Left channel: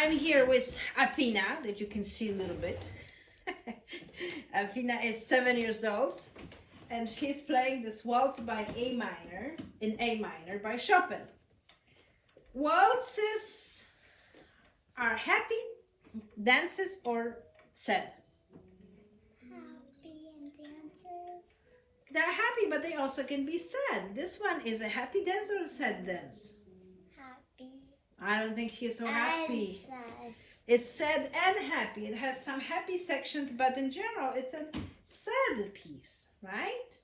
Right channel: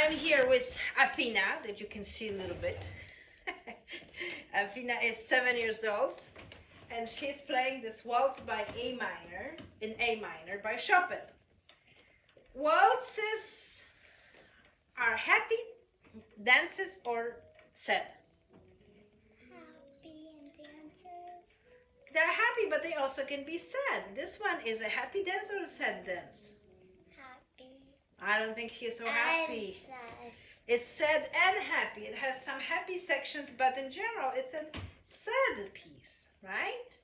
I'm here with Afina, that you can see a little bit. Afina is 7 years old, and she's playing this waltz by A minor, in A minor by Chopin. Waltzes are happy dances or sad? Happy and dances. They're happy, but they also can be sad. This one is a happy dance or a sad dance? Happy. I don't think she's so happy. Sad. It's sad and happy. It has some happy sections, but in general, it's a sad piece, right?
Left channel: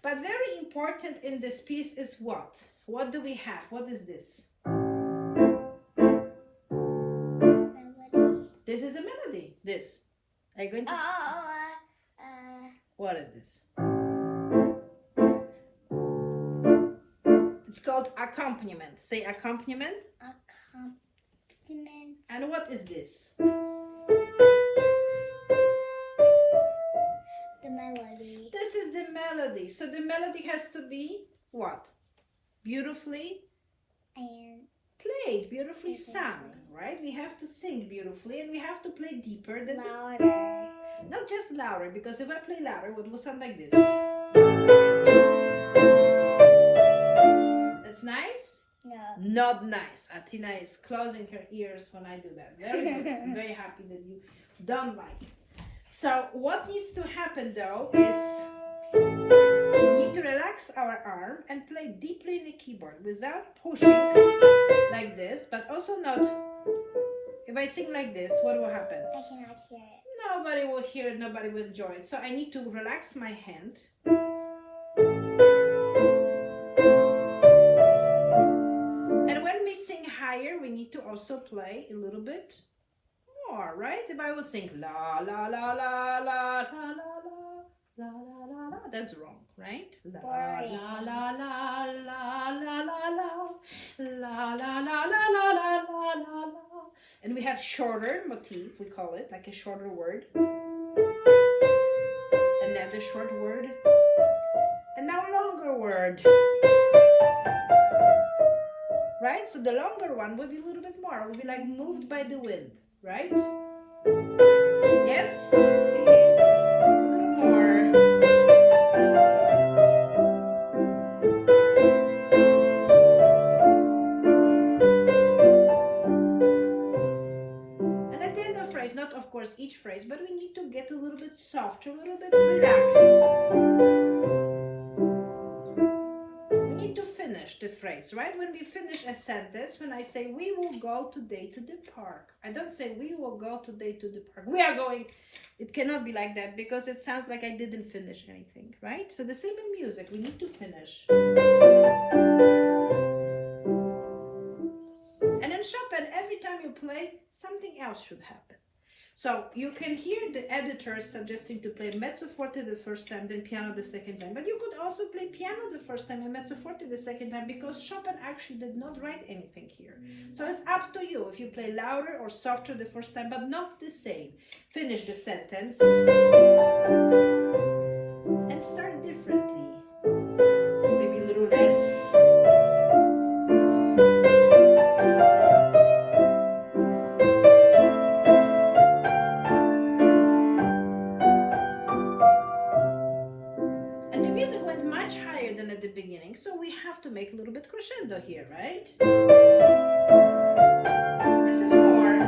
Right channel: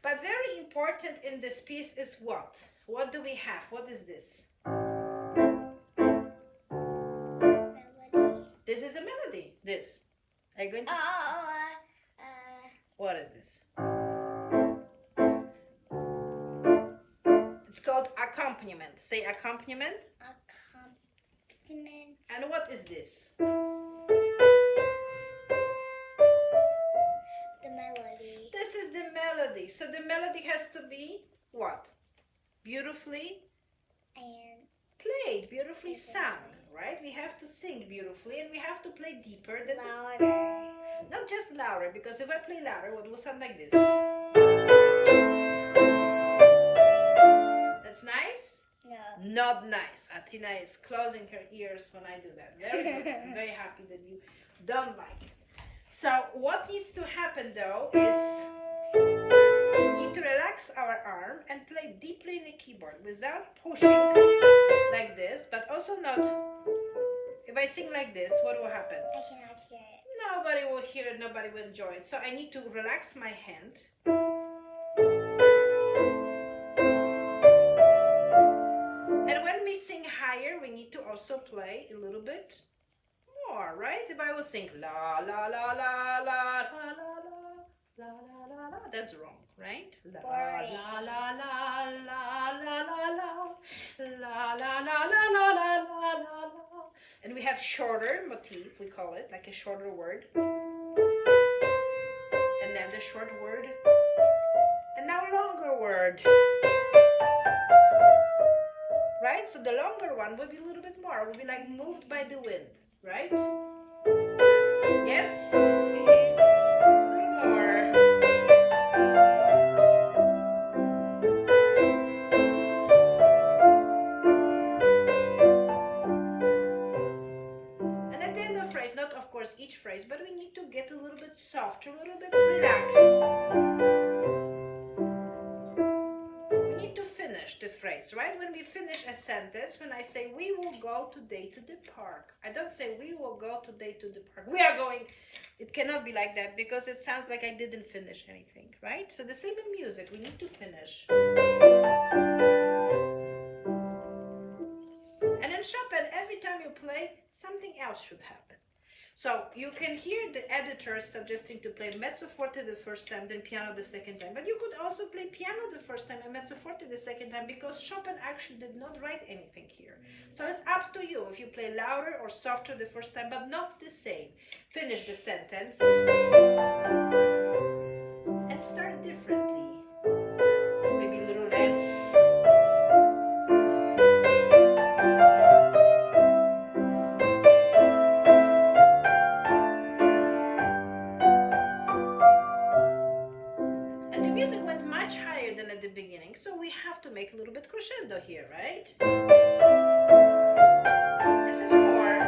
But very important in this piece is what? What do we have? What is this? Melody. This is a melody. This. Are you going to... What is this? It's called accompaniment. Say accompaniment. Accompaniment. And what is this? The melody. This is the melody. So the melody has to be what? Beautifully And played, beautifully sung, right? We have to sing beautifully and we have to play deeper than louder. not just louder, because if I play louder, it will sound like this. That's nice? No. Not nice. Atina is closing her ears when I do that. Very good. I'm very happy that you don't like it. So what needs to happen though is we need to relax our arm and play deeply in the keyboard without pushing like this, but also not. If I sing like this, what will happen? I cannot hear it. Nobody will hear it, nobody will enjoy it. So I need to relax my hand. And when we sing higher, we need to also play a little bit more, right? If I will sing la la la la la la la la la la la, that's wrong, right? La la la la la la la la la la la la la la. And we have shorter motif, we call it, like a shorter word. And then the short word. And now longer word. Right? So the longer one will be a little bit more. Will be like moved by the wind, right? Yes? A little more. And at the end of the phrase, not of course each phrase, but we need to get a little bit softer, a little bit relaxed. We need to finish the phrase, right? When we finish a sentence, when I say we will go today to the park, I don't say we will go today to the park. We are going. It cannot be like that because it sounds like I didn't finish anything, right? So the same in music, we need to finish. And in Chopin, every time you play, something else should happen. So you can hear the editors suggesting to play mezzo forte the first time, then piano the second time. But you could also play piano the first time and mezzo forte the second time, because Chopin actually did not write anything here. So it's up to you if you play louder or softer the first time, but not the same. Finish the sentence and start differently. Maybe a little less. At the beginning, so we have to make a little bit crescendo here, right? This is more.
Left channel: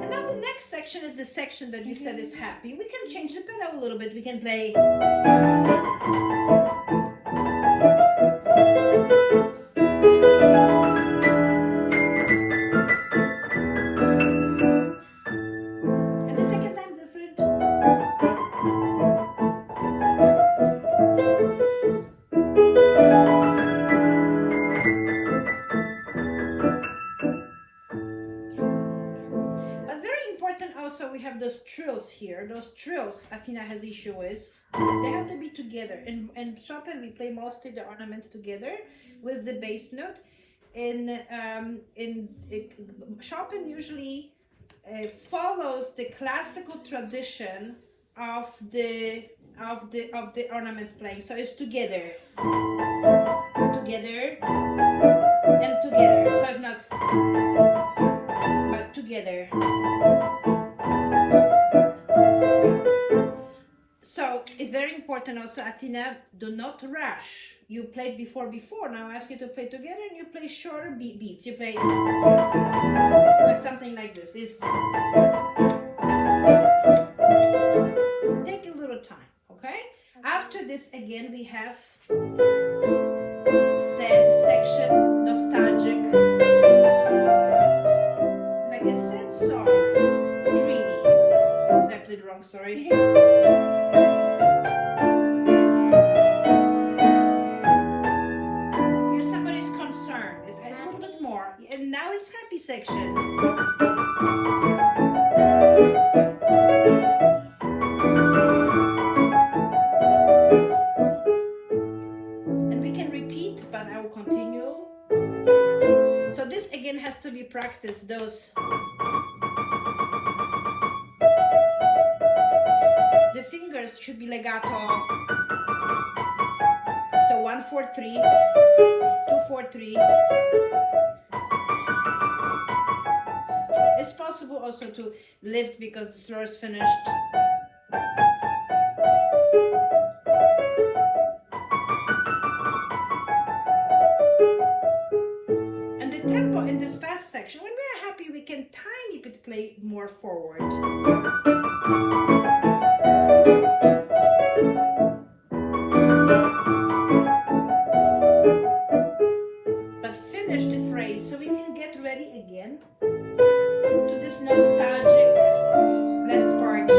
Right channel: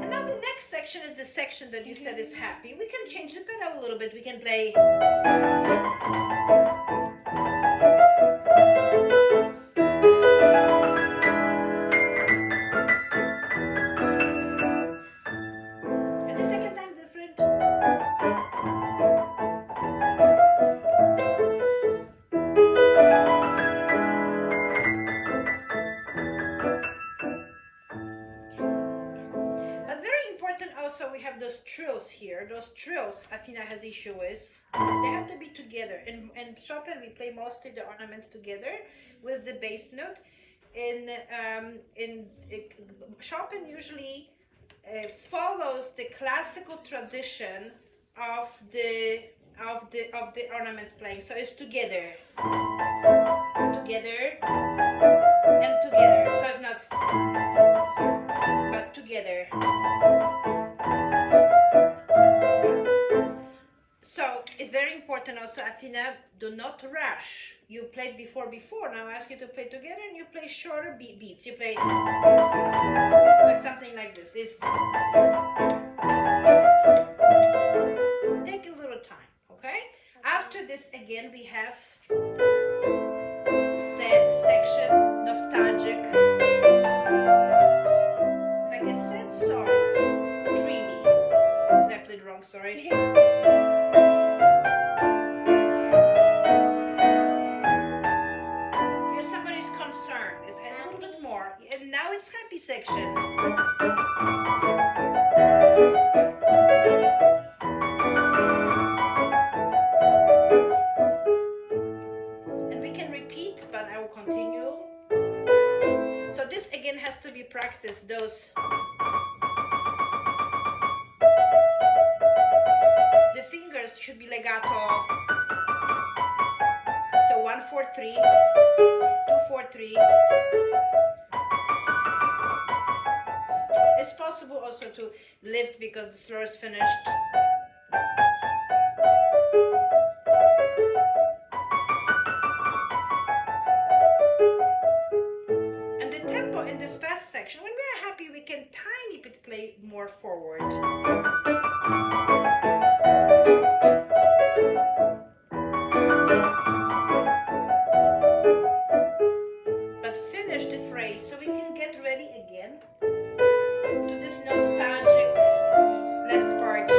And now the next section is the section that you said is happy. We can change the pedal a little bit. We can play. And the second time different. Also, we have those trills here. Those trills, Afina has issue with. They have to be together. In Chopin, we play mostly the ornaments together with the bass note. In Chopin usually follows the classical tradition of the ornament playing. So it's together, together, and together. So it's not important also, Athena, do not rush. You played before, now I ask you to play together and you play shorter beats. You play like something like this. Take a little time, okay? After this, again, we have sad section, nostalgic, like a sad song, dreamy. I played wrong, sorry. Here's somebody's concern. It's a little bit more. And now it's happy section. And we can repeat, but I will continue. So this again has to be practiced, those. The fingers should be legato. So 1, 4, 3, 2, 4, 3. It's possible also to lift because the slur is finished. And the tempo in this fast section, when we're happy, we can tiny bit play more forward. But finish the phrase so we can get ready again to this nostalgic last part.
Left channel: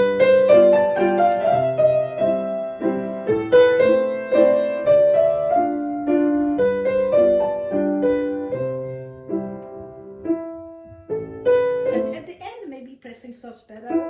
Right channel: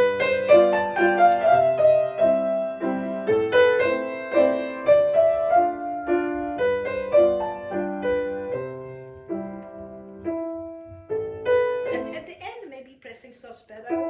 And at the end, maybe pressing soft pedal.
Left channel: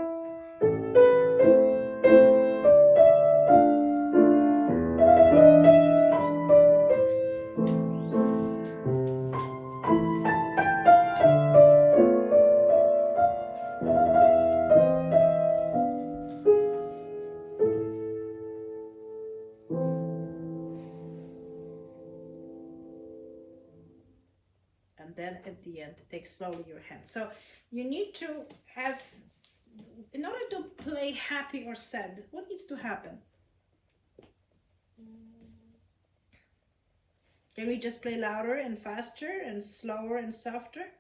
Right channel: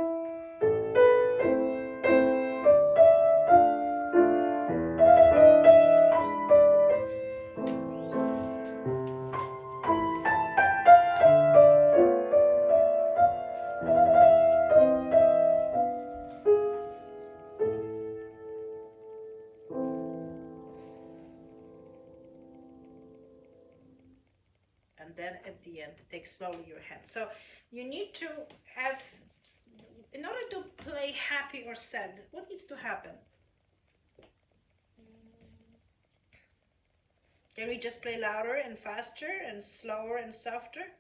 And then at the end, take slowly your hand. So you need to have, in order to play happy or sad, what needs to happen? Can we just play louder and faster and slower and softer?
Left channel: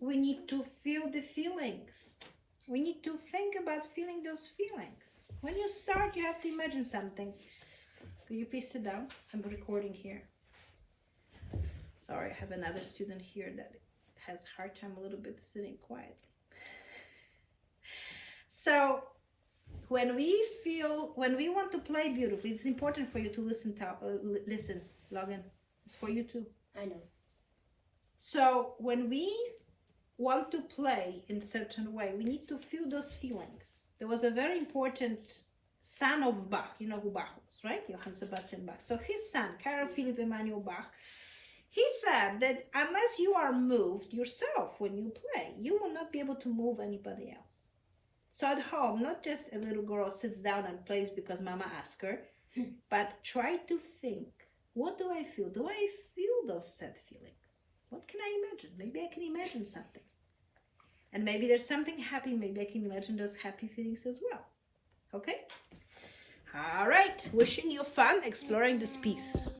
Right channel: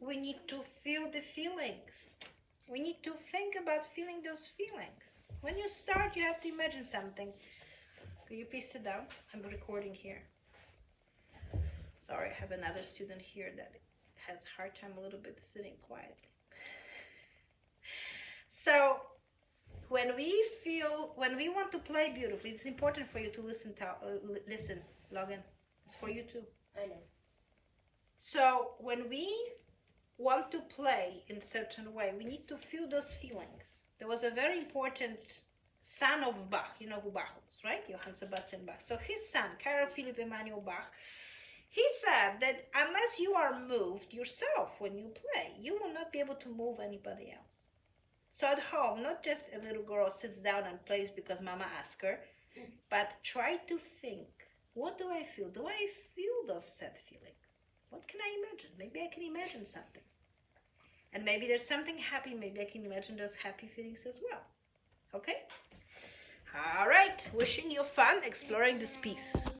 We need to feel the feelings. We need to think about feeling those feelings. When you start, you have to imagine something. Could you please sit down? I'm recording here. Sorry, I have another student here that has a hard time a little bit sitting quietly. So when we want to play beautifully, it's important for you to listen, Logan. It's for you too. I know. So when we want to play in a certain way, we need to feel those feelings. There was a very important son of Bach. You know who Bach was, right? Johann Sebastian Bach. So his son, Carl Philipp Emanuel Bach, he said that unless you are moved yourself when you play, you will not be able to move anybody else. So at home, not just a little girl sits down and plays because mama asked her, but try to think, what do I feel? Do I feel those sad feelings? What can I imagine? Maybe I can imagine something. And maybe there's something happy. Maybe I can imagine those happy feelings as well. Okay? All right. Wishing you fun exploring this piece.